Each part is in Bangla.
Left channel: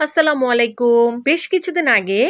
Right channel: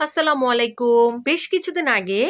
আসসালামু আলাইকুম। বেশ কিছুদিন আগে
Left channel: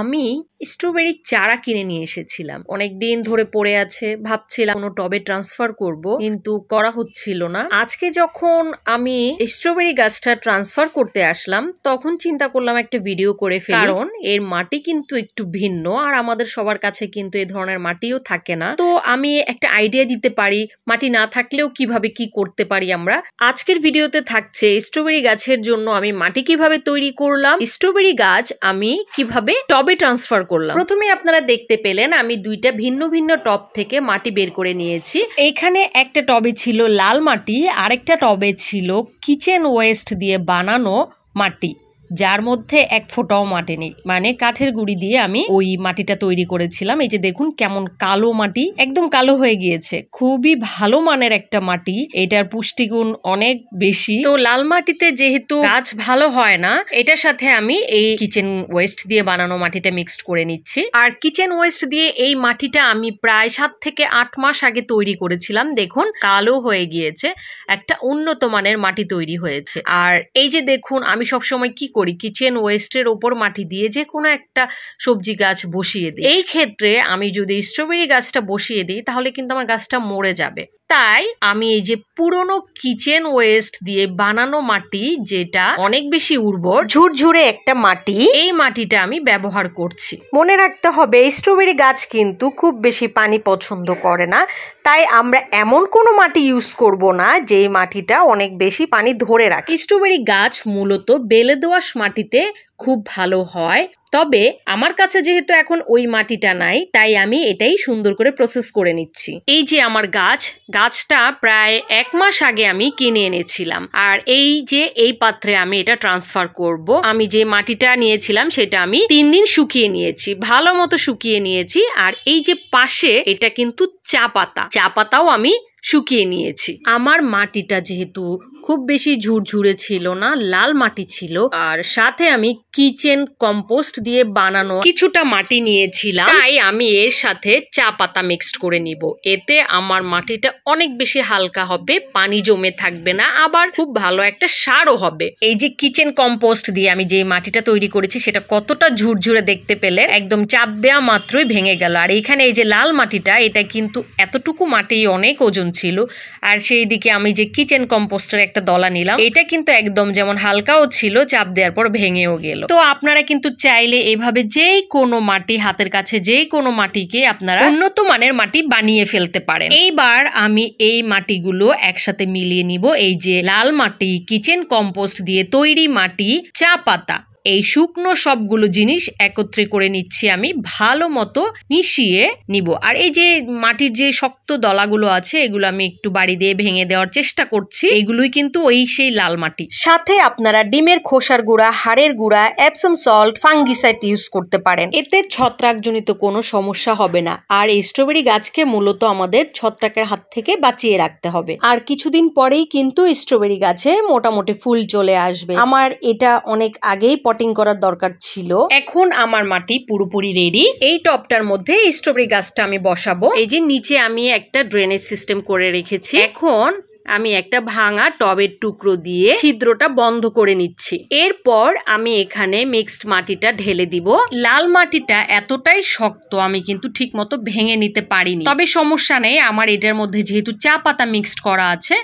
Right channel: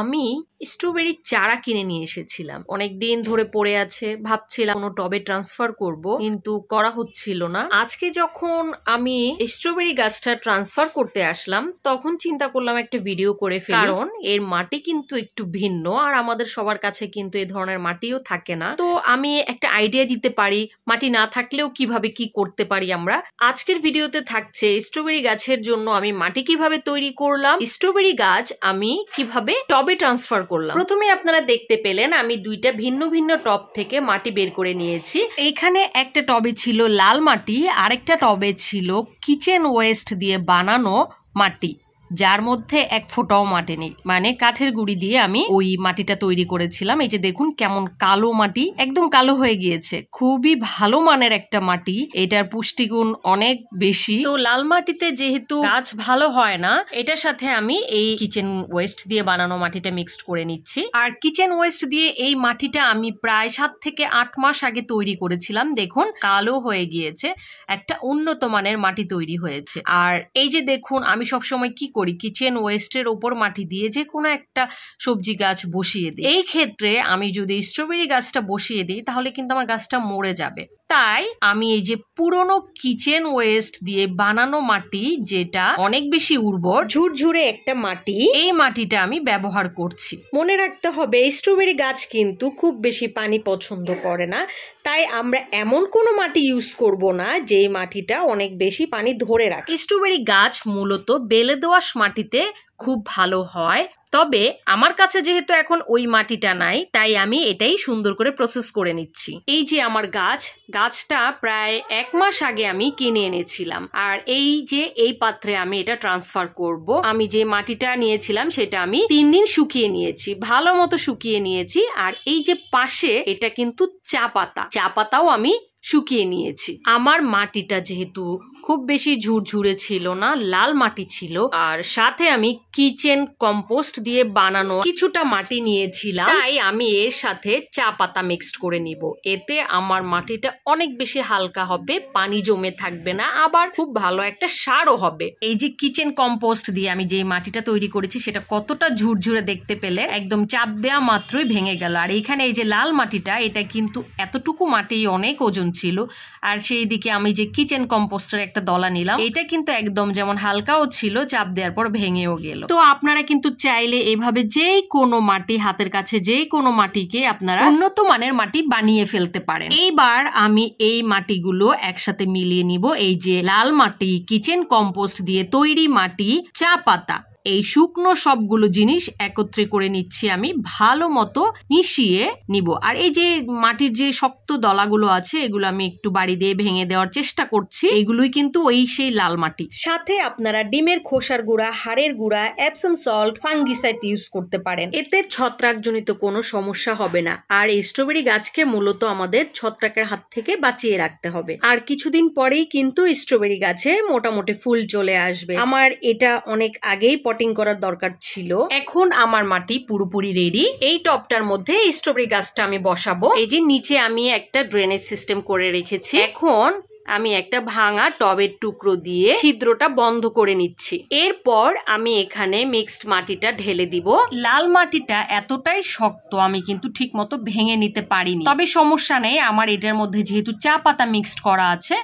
আমি স্ট্রবেরি চারা কিনে নিয়ে এসেছিলাম। অনেকদিন ধরে পড়ে আছে, ভাবছিলাম কোনো টবে ট্রান্সফার করব, কিন্তু করা হচ্ছিল না। আজকে যখন আমি স্ট্রবেরি গাছটা ট্রান্সফার করতে আসলাম, তখন চিন্তা করলাম একটা ভিডিও করে ফেলি, কারণ এর মাটি কিন্তু একটু ভিন্ন, আর আমাদের সবার কাছে কিন্তু এই ধরনের মাটিও থাকে না। তো আমি একটা আইডিয়া দিতে পারি মাটি না থাকলেও কিভাবে কি করতে পারি আমরা। আজকের ভিডিওতে থাকছে স্ট্রবেরি গাছের জন্য আমি মাটি কিভাবে তৈরি করলাম, স্ট্রবেরি গাছ আমি কিভাবে টবে ট্রান্সফার করলাম। প্রথমে আপনারা দেখতে পেলেন আমি দুইটা ভিন্ন ভিন্ন টব থেকে মাটি বের করে নিয়েছি। এইখানে একটা টবে ছিল লাল মাটি, আরেকটা টবে ছিল কিচেন ওয়েস্ট দিয়ে বানানো মাটি, যার মধ্যে এক ফোঁটাও মাটি নেই, মানে কাঠের গুঁড়ি দিয়ে আমি ওই মাটিটা তৈরি করেছিলাম। এই যে দেখুন কেমন কালো মাটি, একদম কালো হয়ে গিয়েছে। খুবই ভালো মানের একটা মাটি, এটার পুষ্টিগুণ অনেক বেশি। তো লাল মাটিতে যেহেতু গাছ ভালো হয় না, এটার সাথে আমি এই কিচেন ওয়েস্ট দিয়ে বানানো মাটিটা মিক্সড করে নিচ্ছি। আর কিচেন ওয়েস্ট দিয়ে এই মাটিটা আমি প্রায় 7 থেকে 8 মাস আগে তৈরি করেছিলাম। দেখুন কালো হয়ে গিয়েছে, একটা উন্নত মানের মাটি তৈরি হয়েছে। আর এই যে দেখুন আমি সবসময় কি করি, কিচেন ওয়েস্টের ওপর মাটি দিয়ে যে কোনো একটা সবজি গাছ বসিয়ে দিই। এই ক্ষেত্রে আমি যদি স্ট্রবেরি গাছটা বসিয়ে দিই তাহলে কিন্তু আমার গাছটা মরে যাবে। তাই আমি এই যে পুরনো কিচেন ওয়েস্ট দিয়ে বানানো মাটি, যেটা অনেক বেশি উর্বর, ঝুরঝুরে একটা মাটি, এই মাটিটা আমি ব্যবহার করছি। মনে রাখতে হবে স্ট্রবেরি গাছ কিন্তু খুব বেশি পানি পছন্দ করে না, তাই আমরা এমন কোনো মাটি ইউজ করব না যে মাটিটা অনেক বেশি পানি ধরে রাখে। স্ট্রবেরি গাছ মূলত বেলে দোআঁশ মাটিতে খুব ভালো হয়, তবে আমার কাছে যেহেতু এখন ওই মাটিটা নাই, তাই আমি এটাই সুন্দর করে প্রসেস করে নিচ্ছি। এই যে আমার গাছটা প্রায় 1 মাস আগে আমি কিনে এনেছিলাম, আর এই যে এই পাত্রে আমি এটা ট্রান্সফার করব। আমি যে মাটিটা নিয়েছিলাম সেটা আমি 3 দিন শুকিয়ে নিয়েছি, ভালো মতো শুকিয়ে নিয়েছি। আর এই যে পাশে এটা কিন্তু চা পাতাও আমি শুকিয়ে নিয়েছি। আমার মাটিটা যেহেতু খুব বেশি ঝুরঝুরে ছিল না, লাল মাটি ছিল, আর সাথে আমি কিচেন কম্পোস্ট দিয়ে বানানো কিছুটা মাটি নিয়েছিলাম, তাই আমি এর সাথে চা পাতা মিক্সড করে নিব। এতে আমার মাটিটা অনেক বেশি হালকা হবে, পানি জমে থাকবে না, আবার খুব ভালো একটা সারও হবে। এই যে কিচেন কম্পোস্ট দিয়ে আমি যে মাটিটা তৈরি করেছি সেটা কতটা ঝুরঝুরে দেখতে পেলে, একদম চাপ দেওয়া মাত্রই ভেঙে গেল। আর এইখানে এই যে লাল মাটিটা, এটা কিন্তু এতটুকু মাটি অনেক ওজন ছিল। আর সেই দিকে আমি যে কিচেন কম্পোস্টের একটা দলা নিলাম, এটা কিন্তু একদম যেমন হালকাও ছিল, চাপ দেওয়ার পর ভেঙেও গেল। তো আপনারা কিন্তু চাইলে এভাবে যে কোনো মাটি, হাতের কাছে যে কোনো মাটিকে আপনারা উন্নত মানের মাটি বানিয়ে ফেলতে পারেন। এইবার আমি এই মাটিগুলো একসাথে মিলিয়ে নিব। এই যে লাল মাটি, কিচেন কম্পোস্ট দিয়ে তৈরি মাটি, চা পাতা, এই শুকনো সবগুলো জিনিস একত্রে করে নিচ্ছি, আমি ভালো মতো মিশিয়ে নিব। আর এই যে মাটির যে শক্ত দলাগুলো আছে, এগুলো আমি একটু বাড়ি দিয়ে ভেঙে দেওয়ার চেষ্টা করছি। এগুলোই কিন্তু ওই সেই লাল মাটি। সাথে আপনারা ডিমের খোসার গুঁড়া, হাড়ের গুঁড়া, এপসম সল্ট, ফাঙ্গিসাইড ইউজ করতে পারেন। এতে ছত্রাকজনিত কোনো সমস্যা হবে না। আর এই স্ট্রবেরি গাছকে মূলত আমাদের ছত্রাকের হাত থেকে বাঁচিয়ে রাখতে হবে। আর কিছুদিন পরেই কিন্তু স্ট্রবেরি গাছে মোটামুটি ফুল চলে আসবে। আমার এটা অনেক আগেই পটিং করার দরকার ছিল। এখন আমার মাটি পুরোপুরি রেডি। এই টবটার মধ্যে স্ট্রবেরি গাছটা আমি বসাবো। এই যে নিচে আমি একটা ড্রেনেজ সিস্টেম করে রেখেছি। এখন আমি একটা ভাঙা টবের টুকরো দিয়ে ছিদ্রটা বন্ধ করে নিচ্ছি। এরপর আমি এখানে মিক্সড মাটিটা ঢেলে দিব। লাল মাটিটা এতটাই শক্ত, আমি কিন্তু ঠিক মতো ভেঙে নিতে পারিনি, তবে সমস্যা নেই। আমার এটার মধ্যে যেহেতু চা পাতা মিক্সড করা আছে,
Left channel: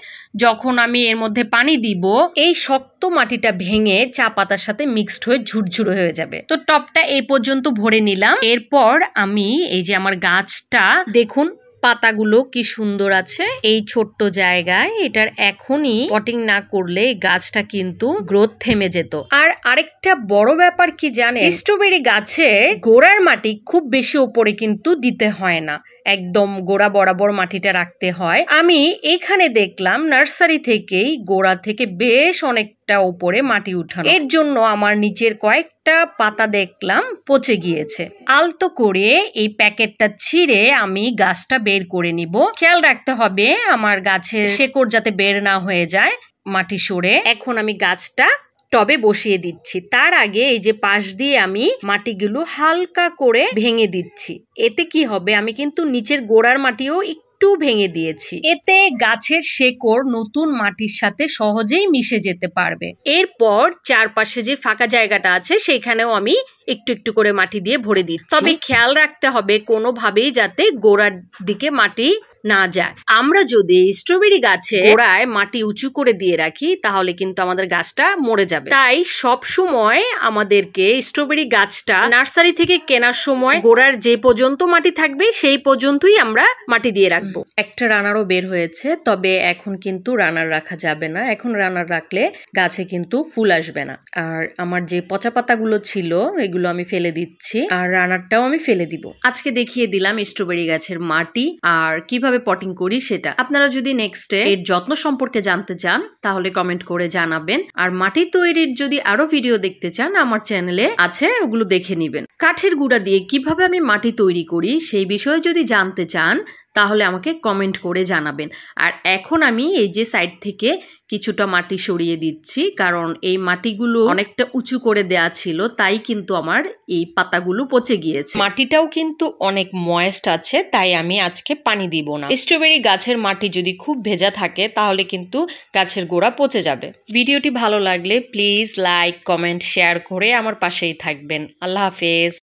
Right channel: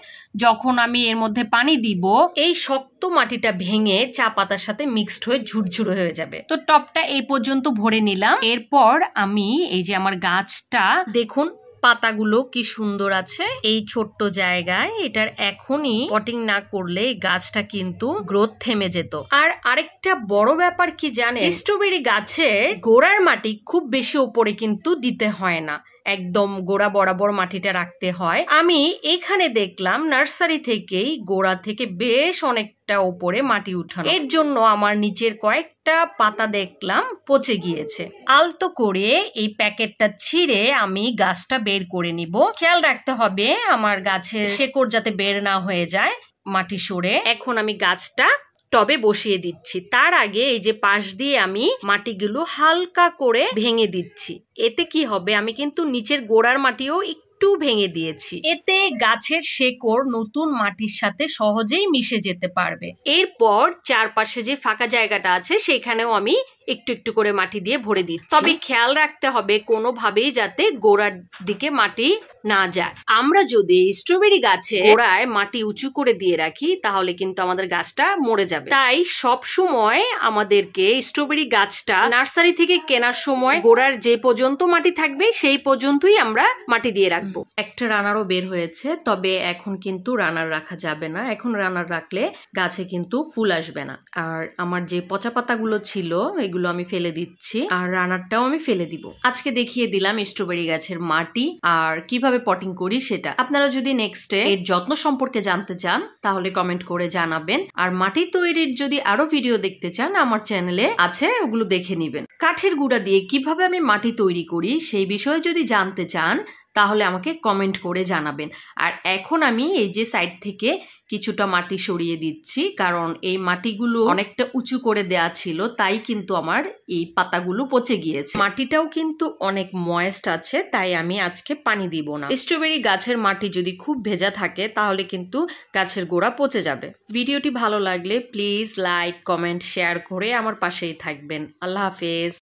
যখন আমি এর মধ্যে পানি দিব, এই শক্ত মাটিটা ভেঙে চা পাতার সাথে মিক্সড হয়ে ঝুরঝুরে হয়ে যাবে। তো টবটা এই পর্যন্ত ভরে নিলাম। এরপর আমি এই যে আমার গাছটা দেখুন, পাতাগুলো কি সুন্দর আছে এই ছোট্ট জায়গায়। এটার এখনই পটিং না করলে গাছটা কিন্তু গ্রোথ থেমে যেত। আর আরেকটা বড় ব্যাপার কি জানেন, স্ট্রবেরি গাছে গোড়ার মাটি খুব বেশি উপরে কিন্তু দিতে হয় না, একদম গোড়া বরাবর মাটিটা রাখতে হয়। আমি এখানে দেখলাম নার্সারি থেকেই গোড়া থেকে বেশ অনেকটা উপরে মাটি উঠানো, এর জন্য আমার নিচের কয়েকটা পাতা দেখলাম পচে গিয়েছে। আলতো করে এই প্যাকেটটা ছিঁড়ে আমি গাছটা বের করে নিব। খেয়াল রাখতে হবে আমার গাছের শেকড় যাতে বের না হয়ে যায় মাটি সরে। এখন আমি গাছটা টবে বসিয়ে দিচ্ছি। তার আগে এই যে পাশ দিয়ে আমি মাটিগুলো হালকা করে ভেঙে দিচ্ছি। এতে কি হবে, আমি কিন্তু নিচের গোড়ার মাটিও একটু একটু ভেঙে দিয়েছি। এতে গাছের শেকড় নতুন মাটির সাথে সহজেই মিশে যেতে পারবে। এরপর চারপাশে যে ফাঁকা জায়গাটা আছে সেখানেও আমি একটু একটু করে মাটি দিয়ে ভরে দিচ্ছি। তবে খেয়াল রাখতে হবে কোনোভাবেই যাতে গোড়ার দিকে মাটি না যায়। আমরা যদি স্ট্রবেরি গাছে গোড়ায় মাটি উঁচু করে দিয়ে রাখি তাহলে কিন্তু আমাদের গাছটা মরে যাবে। তাই সব সময় আমাদেরকে স্ট্রবেরি গাছটা নার্সারি থেকে কেনার সময় গোড়ার যে পর্যন্ত মাটি থাকবে সেই পর্যন্তই আমরা মাটি দিয়ে রাখবো। একটা রানারও বের হয়েছে, তবে এখন কিন্তু রানার রাখা যাবে না। এখন রানার রাখলে গাছে কিন্তু ফুল আসবে না। আর আমার যে পচা পাতাগুলো ছিল এগুলো আমি ফেলে দিচ্ছি, আর রানারটাও আমি ফেলে দিব। আজকে দেখিয়ে দিলাম স্ট্রবেরি গাছের মাটি আর কিভাবে পটিং করি সেটা। আপনারা যদি নেক্সটে এর যত্ন সম্পর্কে জানতে চান তাহলে কমেন্ট করে জানাবেন। আর মাটি তৈরির যদি আরো ভিডিও দেখতে চান আমার চ্যানেলে আছে, ওগুলো দেখে নিবেন। কাঠের গুঁড়া দিয়ে কিভাবে আমি মাটি তৈরি করি সেই বিষয়ে যদি জানতে চান তাহলে আমাকে কমেন্ট করে জানাবেন। আর এখন আমি এই যে সাইড থেকে কিছুটা মাটি সরিয়ে দিচ্ছি, কারণ এই মাটিগুলো অনেকটা উঁচু করে দেয়া ছিল, তাই কিন্তু আমার এই পাতাগুলো পচে গিয়েছে। মাটিটাও কিন্তু অনেক ময়েস্ট আছে, তাই আমি আজকে পানি দিব না। স্ট্রবেরি গাছের মাটি যদি খুব ভেজা থাকে তাহলে কিন্তু গাছের গোড়া পচে যাবে। ভিডিওটি ভালো লাগলে প্লিজ লাইক, কমেন্ট, শেয়ার করে আমার পাশেই থাকবেন। আল্লাহ হাফেজ।